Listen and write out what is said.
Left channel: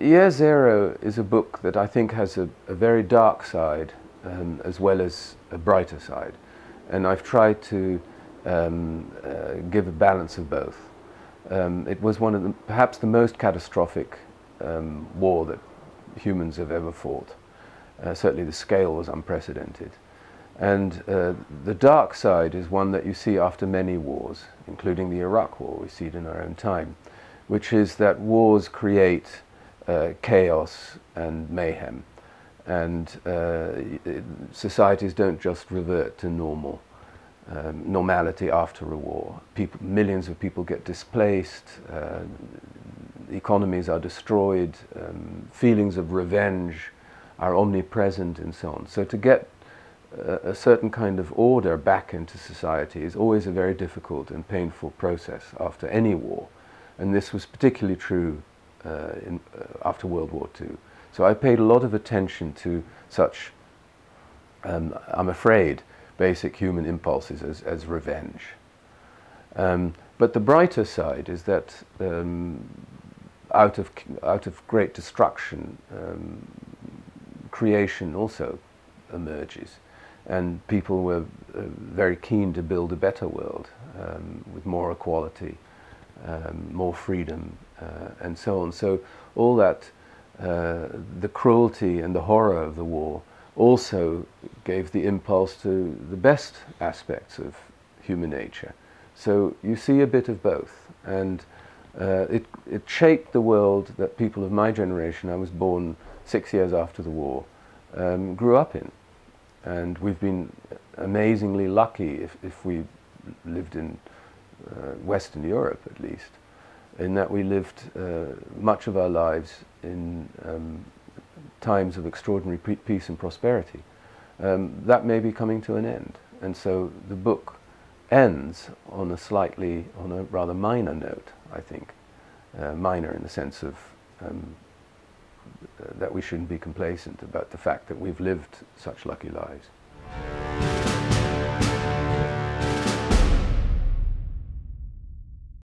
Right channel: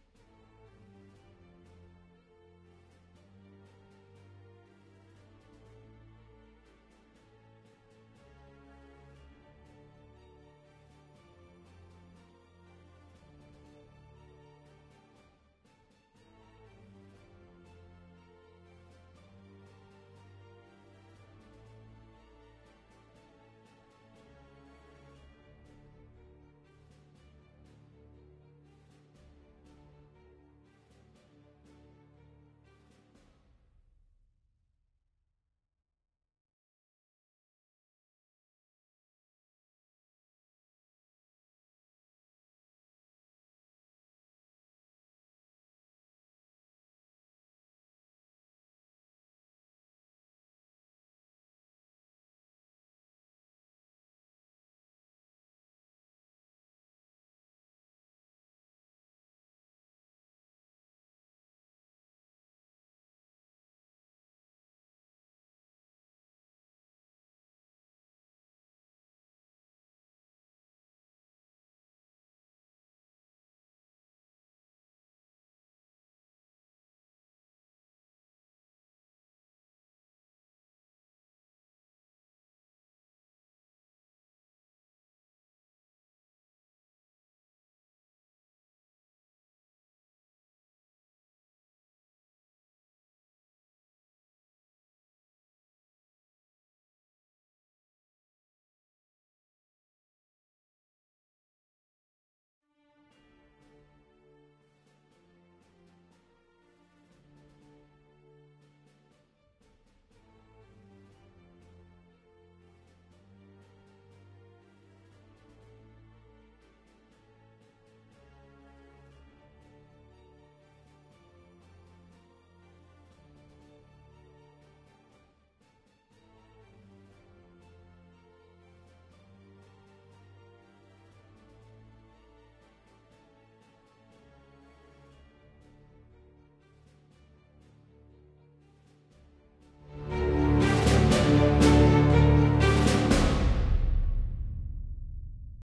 Year Zero is a book that I think has a very dark side as well as a brighter side. And I've tried to give a balance of both. It was one of the, perhaps the most catastrophic war that humans have ever fought. Certainly the scale was unprecedented. And the dark side is one that you see after many wars, including the Iraq War. We see it in our own time, which is that wars create chaos and mayhem, and societies don't just revert to normality after a war. Millions of people get displaced, economies are destroyed, feelings of revenge are omnipresent, and so on. So to get a certain kind of order back into society is always a very difficult and painful process after any war, and this was particularly true after World War II. So I paid a lot of attention to such, I'm afraid, basic human impulses as revenge. But the brighter side is that out of great destruction, creation also emerges. And people were very keen to build a better world with more equality, more freedom, and so on. So all that, the cruelty and the horror of the war also gave the impulse to the best aspects of human nature. So you see a bit of both, and it shaped the world that people of my generation, I was born 6 years after the war, grew up in. And we've been amazingly lucky if we lived in Western Europe, at least, in that we lived much of our lives in times of extraordinary peace and prosperity. That may be coming to an end, and so the book ends on a rather minor note, I think. Minor in the sense of that we shouldn't be complacent about the fact that we've lived such lucky lives.